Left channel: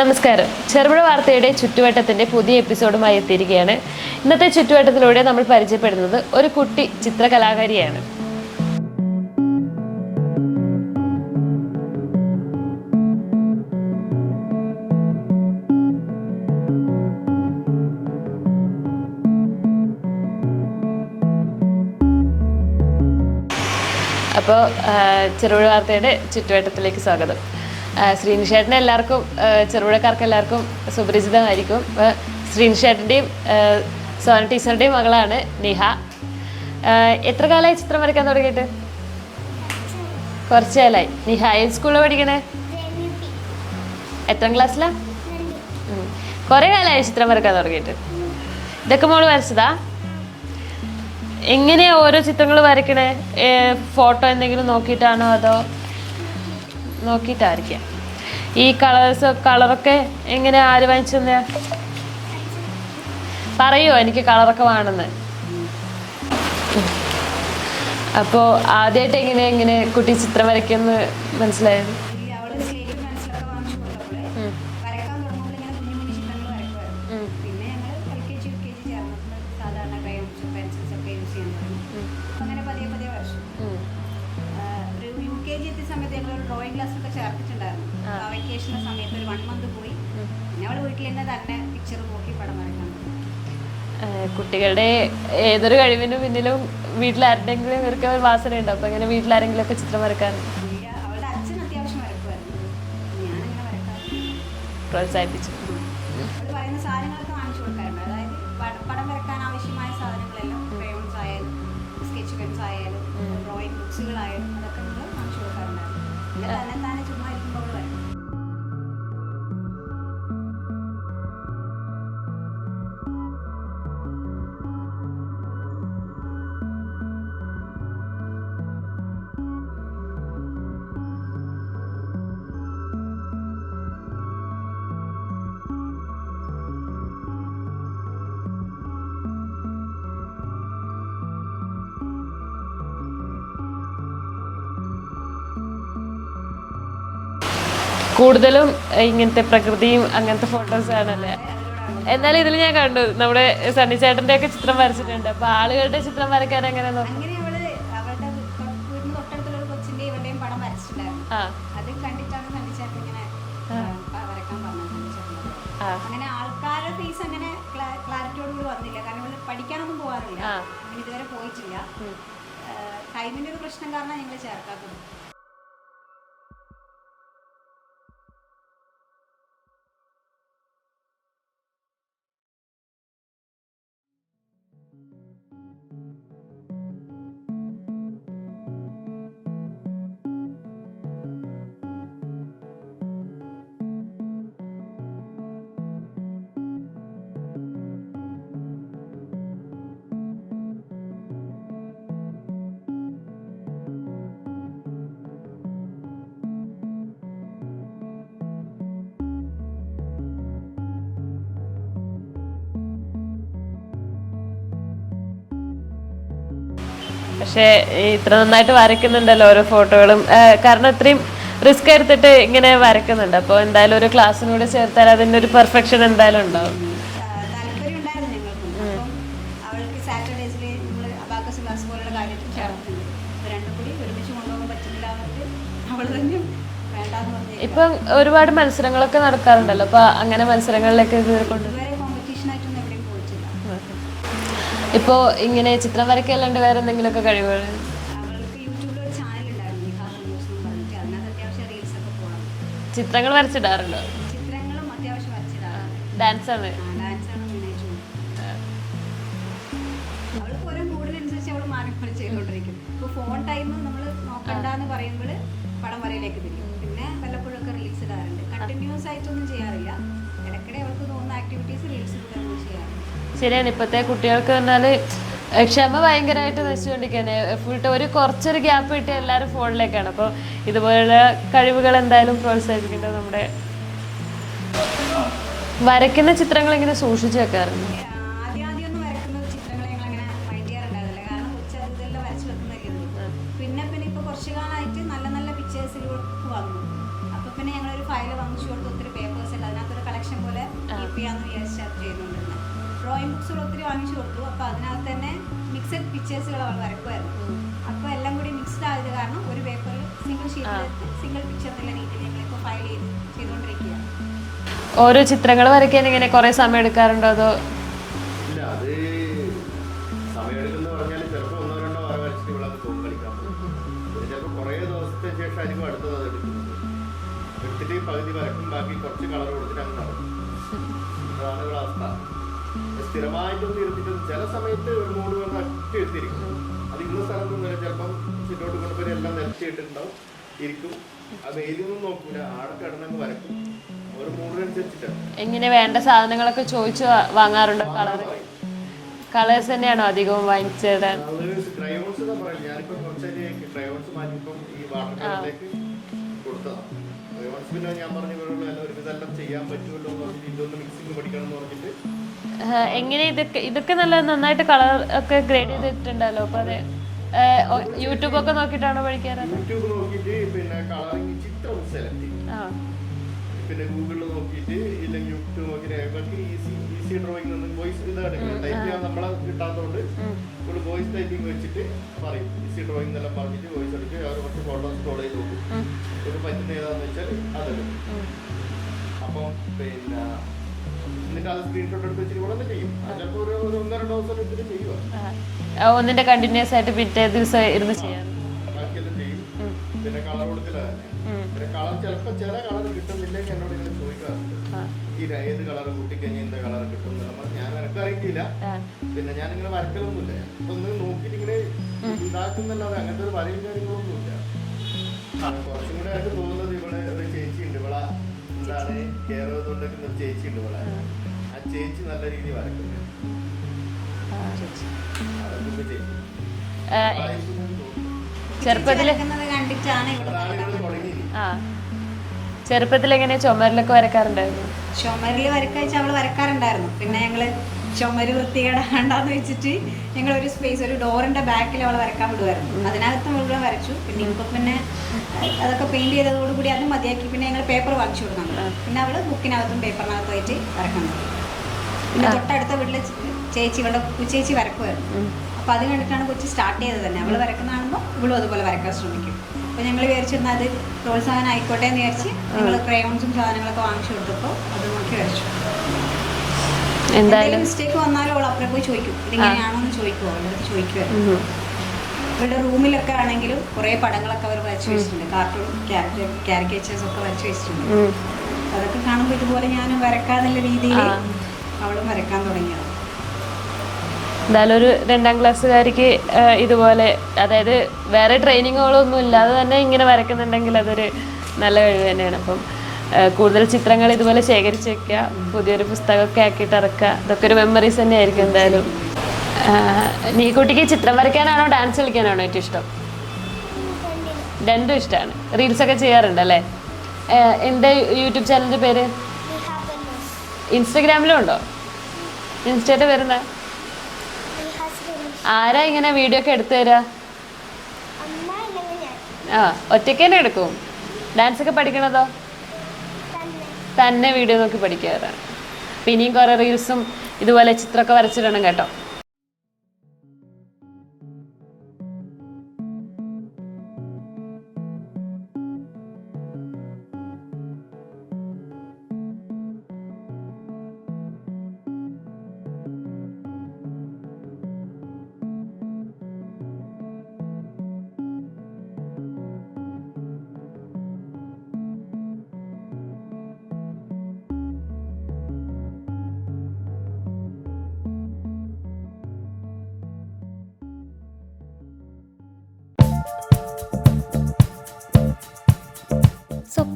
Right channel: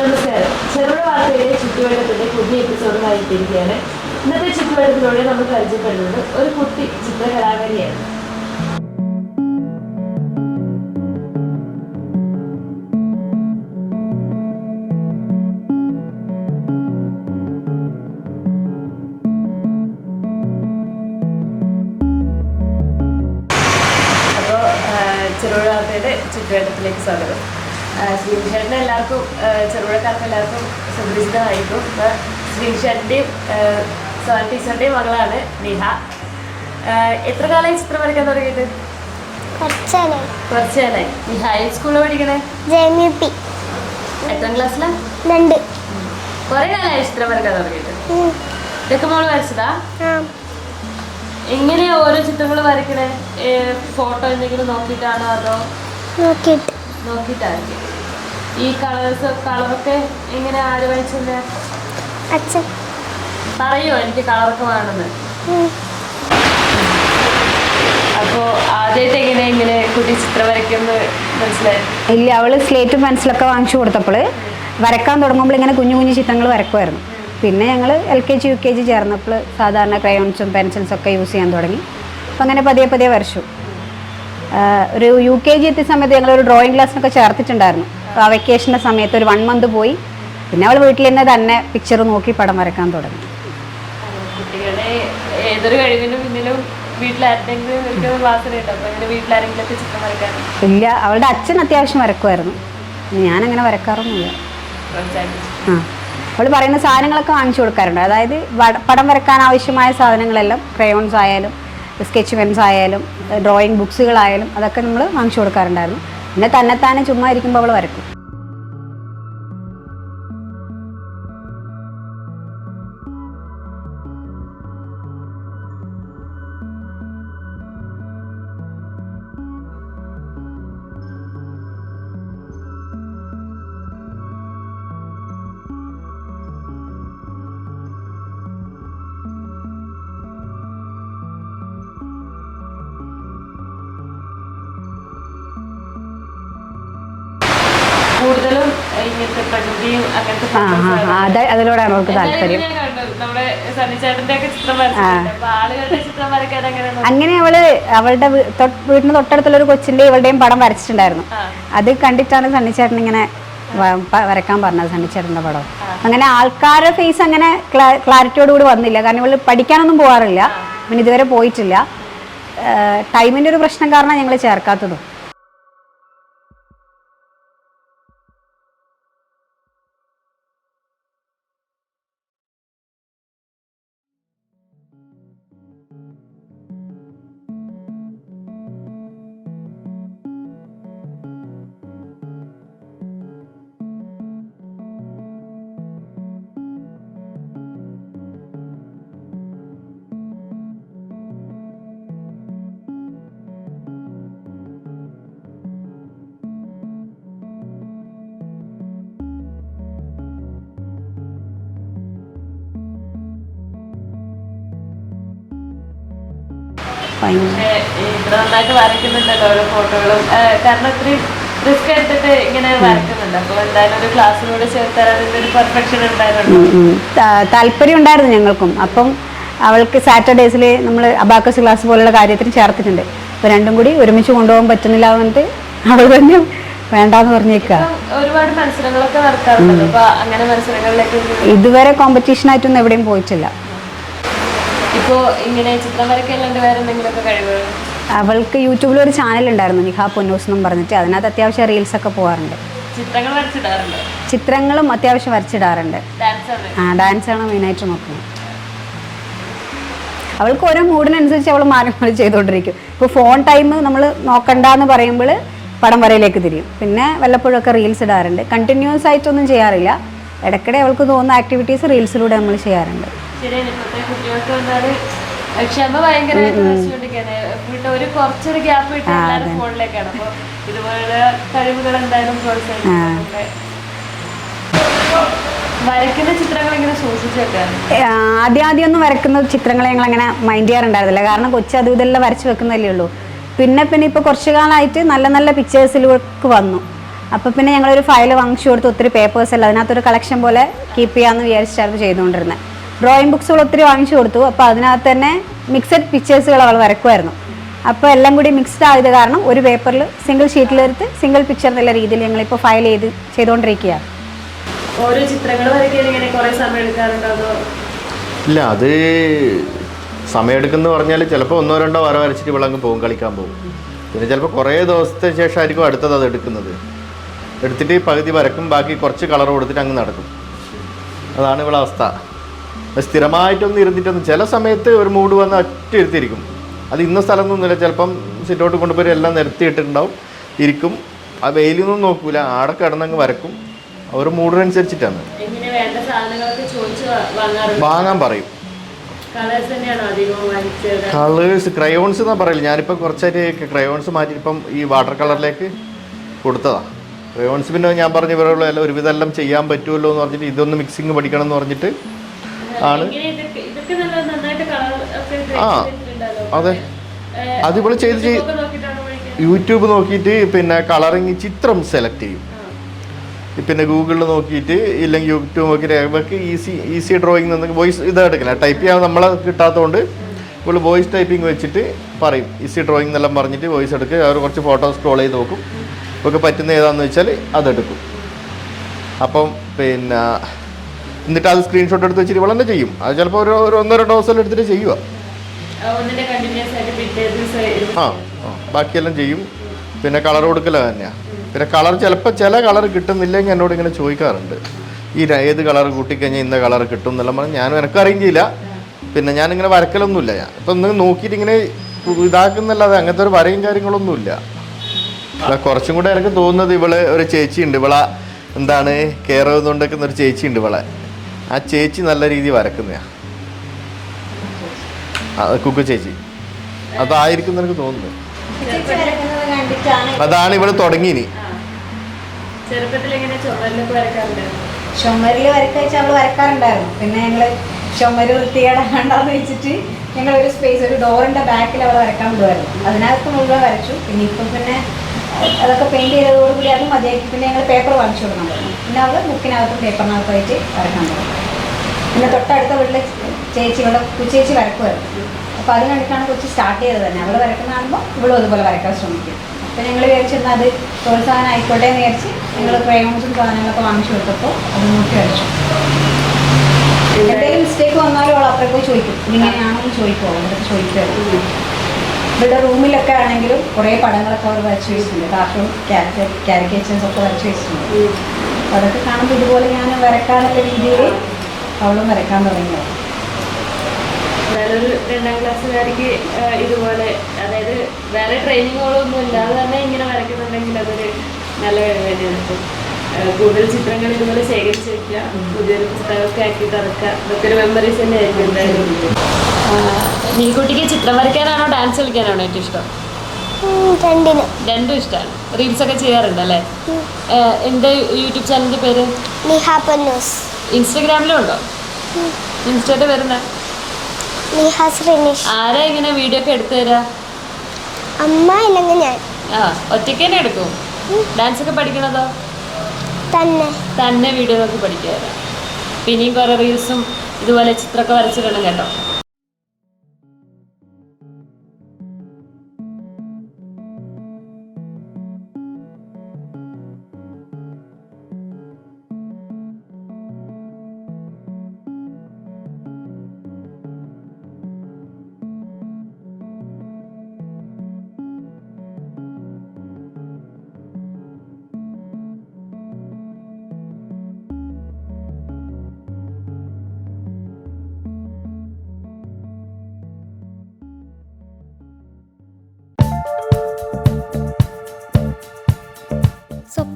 നമസ്കാരം. ചെറുപുഴ വാർത്തയുടെ ചുറ്റുവട്ടത്തിന്റെ പുതിയ എപ്പിസോഡുമായി എത്തിയിരിക്കുകയാണ്. ഇന്നത്തെ ചുറ്റുവട്ടത്തിലൂടെ നമ്മൾ പരിചയപ്പെടുന്നത് ഒരു കുട്ടി ചിത്രകലാകാരിയാണ്. അപ്പോൾ ചെറുപുഴ വാർത്തയുടെ ചുറ്റുവട്ടത്തിലേക്ക് സ്വാഗതം. ശ്രീനിഷേട്ടനെ എല്ലാവർക്കും ചെറുപുഴക്കാർക്ക് എല്ലാവർക്കും സുപരിചിതമായിരിക്കും. അപ്പോൾ ശ്രീനിഷേട്ടന്റെയും സോന ടീച്ചറിന്റെയും മകളാണ് നിഹ. എത്ര കാലമായി ചിത്രം വരയ്ക്കാൻ തുടങ്ങിയിട്ട്? കുറച്ചാലായി നിഹ ഏത് സ്കൂളിൽ പഠിക്കണേ? എത്രാം ക്ലാസ്സിലാ? രണ്ട്. കുറേ കാലമായി ചിത്രം വരയ്ക്കാൻ തുടങ്ങിയിട്ട്. ഇതൊക്കെ മോൾ വരച്ചതാ? എങ്ങനെയാ ഓരോ ചിത്രങ്ങൾ വരയ്ക്കണേ? ഫോട്ടോ എന്തെങ്കിലും നോക്കിയിട്ടാണോ അതോ നോക്കിയിട്ട്. നോക്കിയിട്ടായിരിക്കും. ഈ കളേഴ്സ് കളറൊക്കെ എങ്ങനെ ആര് വാങ്ങിച്ചു തന്നെയാ അച്ഛൻ. പറയോ എനിക്ക് കളറൊക്കെ വേണമെന്ന് അപ്പോ ആദ്യമായിട്ട് എങ്ങനെ ഇങ്ങനെ കുട്ടി ചിത്രം വരയ്ക്കുന്ന മനസ്സിലായി? ഇല്ല അവൾ സ്ലേറ്റും പെൻസിലൊക്കെ വാങ്ങിച്ചു കൊടുത്തപ്പോൾ വരക്കാൻ തുടങ്ങുമ്പോൾ ഇങ്ങനെ കുഞ്ഞു കുഞ്ഞു ചിത്രങ്ങൾ വരക്കുമായിരുന്നു. പിന്നെ ഞങ്ങൾ L K G U K G ചേർന്നപ്പോൾ സാധാരണ ക്രയോൺസും പെൻസിൽസും ഒക്കെ യൂസ് ചെയ്യാൻ തുടങ്ങി. അപ്പം അങ്ങനെ പതിയെ പതിയെ വരച്ചു. ഒരു യു കെ ജി എത്തിയ സമയത്ത് ഞങ്ങൾ ഒരു ഡ്രോയിങ് ക്ലാസ്സിനൊക്കെ ചേർത്തിട്ടുണ്ടായിരുന്നു. ആ വെക്കേഷന്റെ സമയത്ത് ഒരു വൺ മന്ത് പോയി. പിന്നെ അവൾ വീട്ടിൽ തന്നെ തന്നെ പിക്ചർ നോക്കി പടം വരക്കാൻ തുടങ്ങി. കുട്ടികളുടെ ഏതൊരു കഴിവിനും പിന്നിലും അങ്ങനെ ഇല്ല അവളുടെ അച്ഛൻ അത്യാവശ്യം വരക്കുമായിരുന്നു. ഞാനങ്ങനെ വരക്കാറൊന്നുമില്ല. പ്രോത്സാഹിപ്പിച്ചു. ആ. അവൾ പറയുന്ന സാധനങ്ങളൊക്കെ വാങ്ങിച്ചു കൊടുക്കാറുണ്ട്. അതായത് പടം വരക്കാൻ ആവശ്യമായ സാധനങ്ങളെല്ലാം ക്രയോൺസ് ആയാലും സ്കെച്ച് പെൻസ് ആയാലും ഡ്രോയിങ് ബുക്സുകളായാലും അതൊക്കെ നമ്മൾ വാങ്ങിച്ചു കൊടുക്കാറുണ്ടായിരുന്നു. പിന്നെ തന്നെത്താനെ ചുമ്മാ ഇരിക്കുമ്പോൾ അവൾ വരക്കും കൂടുതലും ഇങ്ങനത്തെ പ്രകൃതിയും അങ്ങനത്തെ അതിലൂടെയാണ് നമുക്ക് താല്പര്യം. ഞാൻ കണ്ടു. നമ്മുടെ സണ്ണിച്ചേട്ടന്റെ ഒക്കെ ചിത്രം വരച്ചിട്ടുണ്ട്. അപ്പൊ ആളുകളുടെ ചിത്രം വരയ്ക്കാൻ അങ്ങനെ അങ്ങനെ അവൾ അവളുടെ വീടിന് തൊട്ടടുത്തുള്ള ഒരു കൊച്ചിന്റെ ഇവളുടെയും പടം വരച്ചിട്ടുണ്ടായിരുന്നു. അത് കണ്ടിട്ടാണ് സണ്ണി ചേട്ടൻ ഇങ്ങനെ വരക്കാൻ പറഞ്ഞത് സണ്ണിച്ചേട്ടന്റെ പടം. അങ്ങനെ ആൾക്കാരുടെ ഫേസ് അങ്ങനെ ക്ലാരിറ്റിയോട് കൂടി വന്നില്ല. കാരണം ഇവൾ പഠിക്കാനൊന്നും പോകാറില്ല പിന്നെ ഇതുവരെ പോയിട്ടില്ല. ടൈമിന്റെ ഒരു പ്രശ്നം കാരണം ഞങ്ങൾ ചേർക്കാത്തതും. പക്ഷെ ഇത്ര നന്നായിട്ട് വരയ്ക്കുന്നുണ്ടല്ലോ ഓരോ ഫോട്ടോകളും. കാരണം ഇത്രയും റിസ്ക് എടുത്തിട്ട് ഇങ്ങനെ വരക്കുന്നുണ്ട് അപ്പൊ എന്തായാലും ഒരു ക്ലാസ്സിനോട് ചേർത്താൽ അതിന്റെ ഒരു പെർഫെക്ഷൻ എന്തായാലും താല്പര്യം ഉണ്ടായിരുന്നു ഞങ്ങൾക്കും. അപ്പം അവൾക്ക് സാറ്റർഡേസിൽ നമ്മൾ അബാക്കസ് ക്ലാസ് പോലുള്ള കാര്യത്തിൽ ചേർത്തിട്ടുണ്ട്. അപ്പോൾ രണ്ടും കൂടി ഒരുമിച്ച് കൊണ്ടുപോകാൻ പറ്റുന്നില്ല എന്നിട്ട് അവൾ തന്നെ വേണ്ടാന്ന് പറഞ്ഞേക്ക. ഒരുപാട് മത്സരങ്ങളൊക്കെ നടക്കാറുണ്ടല്ലോ. അങ്ങനെ മത്സരങ്ങളിലേക്ക് ഇതുവരെ കോമ്പറ്റീഷൻ ആയിട്ടൊന്നും എവിടെയും പോയിട്ടില്ല. ഇപ്പോ ഇങ്ങനെ ചിത്രം വരയ്ക്കല്ലാണ്ട് വേറെ എന്തെങ്കിലുമൊക്കെ കഴിവുകൾ? അവൾക്ക് യൂട്യൂബിൽ ഒരു ചാനൽ ഉണ്ടായിരുന്നു നിഹാ പൊന്നൂസ് എന്നും പറഞ്ഞിട്ട്. അതിനകത്ത് അത്യാവശ്യം റീൽസ് ഒക്കെ പോകാറുണ്ട് ചിത്രങ്ങൾ വരച്ചിടാറുണ്ട്? ചിത്രങ്ങളും അത്യാവശ്യം വരച്ചിടാറുണ്ട്. ഡാൻസ് ആണ്. ആ ഡാൻസാണ് മെയിനായിട്ട് നോക്കുന്നത്. അവൾക്ക് ഓരോ മൂഡിനനുസരിച്ച് അവൾ മാറി മാറി ചെയ്തുകൊണ്ടിരിക്കും ഇപ്പോൾ ഫോൺ ടൈം നമ്മൾ നോക്കണ്ട എന്ന് പറയുമ്പോൾ പടം വരയിലേക്ക് തിരിയും. പിന്നെ വല്ലപ്പോഴൊക്കെ റീൽസ് ഇടാറുണ്ട്. കണ്ടിന്യൂസ് ആയിട്ടൊന്നും ചെയ്യാറില്ല. ഇടയ്ക്കിടെ അവൾക്ക് തോന്നുന്ന ആക്ടിവിറ്റീസ് റീൽസിലൂടെ നമ്മൾ ചെയ്യാറുണ്ട്. ശരിയാണ്. ഇപ്പത്തെ കുട്ടികൾക്ക് വന്നാൽ ക്ഷമ ഭയങ്കരമായിട്ട് ഒരു കുറച്ചൊരു ഗ്യാപ്പ് എല്ലാവരും ഫോണിലേക്കാണ്. അപ്പോൾ കഴിവുകൾ എന്തായാലും പ്രോത്സാഹിപ്പിക്കുന്നുണ്ട് വരയ്ക്കുന്ന ചിത്രങ്ങൾ ഇങ്ങനെ സൂക്ഷിച്ചു വെക്കാറുണ്ട് ഏ, ആദ്യം ആദ്യം ഒന്നും വരക്കുന്ന ചിത്രങ്ങൾ ഞങ്ങൾ അങ്ങനെ മൈൻഡ് ചെയ്യാറുണ്ടായിരുന്നില്ല. കാരണം കൊച്ചു അത് ഇതെല്ലാം വരച്ച് വെക്കുന്നതല്ലേ ഉള്ളൂ. പിന്നെ പിന്നെ ഇപ്പോൾ കുറച്ചു കാലമായിട്ട് നല്ല നല്ല പിക്ചേഴ്സിലേക്ക് വന്നു. അപ്പോൾ പിന്നെ ഞങ്ങളൊരു ഫയൽ വാങ്ങിച്ചു കൊടുത്ത് ഒത്തിരി പേപ്പേഴ്സ് എല്ലാം അതിനകത്തൊരു കളക്ഷൻ പോലെ കീപ്പ് ചെയ്യാമെന്ന് വിചാരിച്ചായിരുന്നു ചെയ്തുകൊണ്ടിരുന്നത് ഡ്രോയിങ് ബുക്സുകൾ ഒത്തിരി വാങ്ങിച്ചു കൊടുത്തു. അപ്പോൾ അതിനകത്ത് തന്നെ മിക്സഡ് പിക്ചേഴ്സുകൾ അവൾ വരക്കുമായിരുന്നു. അപ്പോൾ എല്ലാം കൂടി മിക്സ്ഡ് ആയത് കാരണം ഒരു പേപ്പറിൽ സിംഗിൾ ഷീറ്റിലെടുത്ത് സിംഗിൾ പിക്ചർ എന്നുള്ള രീതിയിൽ ഞങ്ങളിപ്പോൾ ഫയൽ ചെയ്ത് ചെയ്തുകൊണ്ടിരിക്കുകയാണ്. ഓരോ ചിത്രങ്ങൾ വരയ്ക്കാൻ ഇങ്ങനെ കുറേ സമയം എടുക്കാറുണ്ടോ? ഇല്ല അത് സമയമെടുക്കുന്ന പറഞ്ഞാൽ ചിലപ്പോൾ ഒന്നോ രണ്ടോ വര വരച്ചിട്ട് ഇവളങ്ങ് പോകും കളിക്കാൻ പോകും പിന്നെ ചിലപ്പോൾ കുറേ ദിവസത്തെ ശേഷമായിരിക്കും അടുത്തത് അത് എടുക്കുന്നത്. എടുത്തിട്ട് പകുതി വരക്കും ബാക്കി കുറച്ച് കളർ കൊടുത്തിട്ട് അങ്ങ് നടക്കും. അതാണ് ഇവിടെ അവസ്ഥ. സ്ഥിരമായിട്ടൊന്നും ഇരുന്നിട്ടൊന്നും ചില സമയത്ത് ഒരു മൂഡ് വന്ന് ഒറ്റ ഇരുത്തിയിരിക്കും അത് ഇന്ന സ്ഥലമൊന്നുമില്ല ചിലപ്പം സിറ്റോട്ട് കൊണ്ടുപോയി എല്ലാം നിരത്തിയിട്ടുണ്ടാവും ഇരിക്കും. ആ വെയിലൊന്നും നോക്കൂല. ആടെ കിടന്നങ്ങ് വരക്കും. ഒരു മൂഡിനനുസരിച്ചിട്ടാണ്. വാങ്ങാൻ പറയും. കളേഴ്സ് ക്രയോൺസ് എന്നാ പറയില്ല ഞാനിപ്പോൾ കുറച്ചായിട്ട് ക്രയോൺസ് മാറ്റി ഇപ്പം ഈ വാട്ടർ കളറിലേക്ക് കൊടുത്തതാ. ക്രയോൺസ് പിന്നെ ഞാൻ പറഞ്ഞ ഇവരുള്ള ഒരുവിധം എല്ലാം ചെയ്യാൻ പറ്റുമല്ലോ എന്ന് പറഞ്ഞിട്ട് ഇതൊന്ന് മിക്സിങ് പഠിക്കണം എന്ന് പറഞ്ഞിട്ട് ആണ് ഇതൊക്കെ നല്ല നന്നായിട്ട് കളർ ഒക്കെ ആ, അതെ. ഏ, അത് ഇവൾ ചെയ്ത് യൂട്യൂബ് നോക്കിയിട്ട് പിന്നെ കളറിങ് ചിത്രം സെലക്ട് ചെയ്യും. പിന്നെ ഗൂഗിളിൽ നോക്കിയിട്ട് ഇല്ലെങ്കിൽ യൂട്യൂബ് നോക്കിയിട്ട് ഇവർക്ക് ഈസി ഈസി ഡ്രോയിങ് നിന്ന് വോയിസ് ഇത് എടുക്കില്ല ടൈപ്പ് ചെയ്യാൻ നമ്മളെ കിട്ടാത്തതുകൊണ്ട് ഇപ്പോൾ വോയിസ് ടൈപ്പിംഗ് വെച്ചിട്ട് പറയും. ഈസി ഡ്രോയിങ് എന്നെല്ലാം പറഞ്ഞിട്ട് വോയിസ് എടുക്കുക അവർ കുറച്ച് ഫോട്ടോ സ്ക്രോൾ ചെയ്ത് നോക്കും. ഇവർക്ക് പറ്റുന്ന ഏതാണെന്ന് വെച്ചാൽ അതെടുക്കും അപ്പം പിന്നെ എന്നിട്ട് അത് സ്ക്രീൻഷോട്ട് എടുത്ത് വെച്ചിട്ട് ഇവളെന്നെ ചെയ്യും? അത് ചിലപ്പോൾ ഒരു ഒരു ഒന്നോ രണ്ടോ ദിവസം എടുത്തിട്ട് ചെയ്യുക ആ. ബാക്കിയെല്ലാം ചെയ്യും. പിന്നെ കളർ കൊടുക്കല തന്നെയാണ് പിന്നെ കളർ ചിലപ്പോൾ ചില കളർ കിട്ടുന്നില്ലെങ്കിൽ എന്നോട് ഇങ്ങനെ ചോദിക്കാറുണ്ട്. ഈ ഏത് കളർ കൂട്ടിക്കഴിഞ്ഞാൽ ഇന്ന കളർ കിട്ടും എന്നെല്ലാം പറഞ്ഞ് ഞാനും എനിക്ക് അറിയില്ല. പിന്നെ ഞാനിങ്ങനെ വരക്കലൊന്നുമില്ല. ഞാൻ ഇപ്പം ഒന്ന് നോക്കിയിട്ട് ഇങ്ങനെ ഇതാക്കുന്നല്ലാതെ അങ്ങനത്തെ ഒരു വരയും കാര്യങ്ങളൊന്നുമില്ല അല്ല, കുറച്ചും കൂടെ എനിക്ക് തോന്നുന്നത് ഇവൾ ഒരു ചേച്ചിയുണ്ട്. ഇവളെ എന്താണ് കെയർ ചെയ്തുകൊണ്ടിരിക്കുന്ന ഒരു ചേച്ചിയുണ്ട് ഇവളെ. ആ ചേച്ചി നല്ല രീതി വരക്കുന്നയാ. ആ, കുക്കു ചേച്ചി. അതായിരിക്കും എന്ന് എനിക്ക് തോന്നുന്നു അതാണ് ഇവൾ തുടങ്ങിയിനി. ചുമരിൽ ചെറുപ്പത്തിൽ എങ്ങനെ ചുമരിലൊക്കെ വരക്കാറുണ്ട് ചുമരിൽ വരക്കഴിച്ച് അവൾ വരക്കാറുണ്ടായിരുന്നു. പിന്നെ ഞങ്ങൾ ചുമര് വൃത്തികേടാണ്ടെന്ന് വെച്ചിട്ട് ഞങ്ങൾ ഒരു സ്പേസ് ഒരു ഡോറിന്റെ ബാക്കിൽ അവൾ വരക്കാൻ വിടുമായിരുന്നു അതിനകത്ത് മുഴുവൻ വരച്ചു. പിന്നെ ഇപ്പം പിന്നെ അതൊക്കെ പെയിന്റ് ചെയ്തതോടുകൂടി അത് മതിയാക്കി. പിന്നെ ഞങ്ങൾ പേപ്പർ വാങ്ങിച്ചു കൊടുക്കാൻ തുടങ്ങി പിന്നെ അവൾ ബുക്കിനകത്തും പേപ്പറിനകത്തും ആയിട്ട് വരക്കാൻ തുടങ്ങി പിന്നെ തൊട്ടടുത്ത വീട്ടിലെ ചേച്ചി ഇവിടെ ചേച്ചി വരക്കുമായിരുന്നു അപ്പോൾ അത് കണ്ടിട്ടാണ് കൊച്ചി സ്റ്റാർട്ട് ചെയ്തത് തന്നെ. അവൾ വരക്കുന്ന കാണുമ്പോൾ ഇവളും അതുപോലെ വരയ്ക്കാൻ ശ്രമിക്കും. അപ്പോൾ ഞങ്ങൾ വിചാരിച്ചിരുന്ന അത് പ്രോത്സാഹനം ആയിക്കോട്ടെ എന്ന് വിചാരിച്ച് ഞങ്ങൾ ക്രയോൺസും സാധനങ്ങളൊക്കെ വാങ്ങിച്ചു കൊടുത്തപ്പോൾ അത് നോക്കി വരച്ചു. എന്തെങ്കിലും മിസ്റ്റേക്ക് വന്നാലും അവൾ അപ്പുറത്ത് പോയി ചോദിക്കും. ഇങ്ങനെയാണെന്ന് ചോദിക്കും. അവളുടെ അടുത്ത് ചോദിക്കുമായിരുന്നു ഇവിടെ റൂമിലൊക്കെ ആണെങ്കിലും കുറേ പടങ്ങളൊക്കെ അവർ വരച്ചു വെച്ചിട്ടുണ്ട്. കാർട്ടൂൺ കാരിക്കേച്ചേഴ്സ് ഒക്കെ വരച്ചു വെച്ചിട്ടുണ്ട്. അപ്പോൾ അതൊക്കെ കാണുമ്പോൾ ഇതുപോലെ ഞാൻ വരക്കാനുള്ള രീതിയിൽ അവളും വരക്കാൻ തുടങ്ങിയത് എന്തായാലും ഒരു രണ്ടാം ക്ലാസ്സുകാർക്ക് ഇതുപോലെ അതായത് വേറെ ട്രെയിനിങ്ങുകളൊന്നും ഇല്ലാതെ തന്നെ ഇങ്ങനെ വരയ്ക്കുന്നുണ്ടെങ്കിൽ അതൊരു നല്ല കഴിവ് തന്നെയാണ്. അപ്പം കൂടുതൽ ചിത്രങ്ങൾ ഇതുപോലെ ശേഖരിച്ച് വെക്കുക പുതിയൊരു പുസ്തകമൊക്കെ ആക്കി ഇറക്കുക ഇതൊക്കെ ഒരു മെമ്മറീസ് തന്നെ ആയിരിക്കും എന്തായാലും. നീക്കുട്ടിക്ക് ചിത്രം വരയ്ക്കാനാണോ ഡാൻസ് കളിക്കാനാണോ ഏറ്റവും ഇഷ്ടം? രണ്ടും ഇഷ്ടമാണ് റീൽസ് ഒക്കെ ചെയ്യാറുണ്ടല്ലേ? എന്റെ എന്റെ യൂട്യൂബ് ചാനലിന്റെ പേര്? നിഹാ ഇൻസ്റ്റാഗ്രാമിലും ഉണ്ടോ നിഹാ ശ്രീനിഷ് ആരാ ഇങ്ങനെ വീഡിയോ ഒക്കെ എടുത്തു തരാ? അമ്മ അല്ലെങ്കിൽ ഞാൻ. ആ ഒറ്റയ്ക്ക് തന്നെ എടുക്കും? ഡാൻസ് ഒക്കെ പഠിക്കണതോ? തന്നെ. തന്നെ വീഡിയോ നോക്കി പഠിക്കുക പിന്നെയും കുറെ റീൽസും ഇതുപോലെ ചിത്രമൊക്കെ വരച്ചിടണം കേട്ടോ.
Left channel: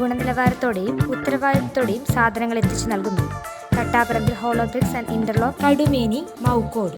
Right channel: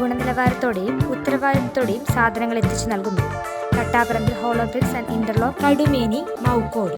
ഗുണനിലവാരത്തോടെയും ഉത്തരവാദിത്തത്തോടെയും സാധനങ്ങൾ എത്തിച്ചു നൽകുന്നു. Thattaparambil hollow bricks and interlock Kadumeni Moukkode.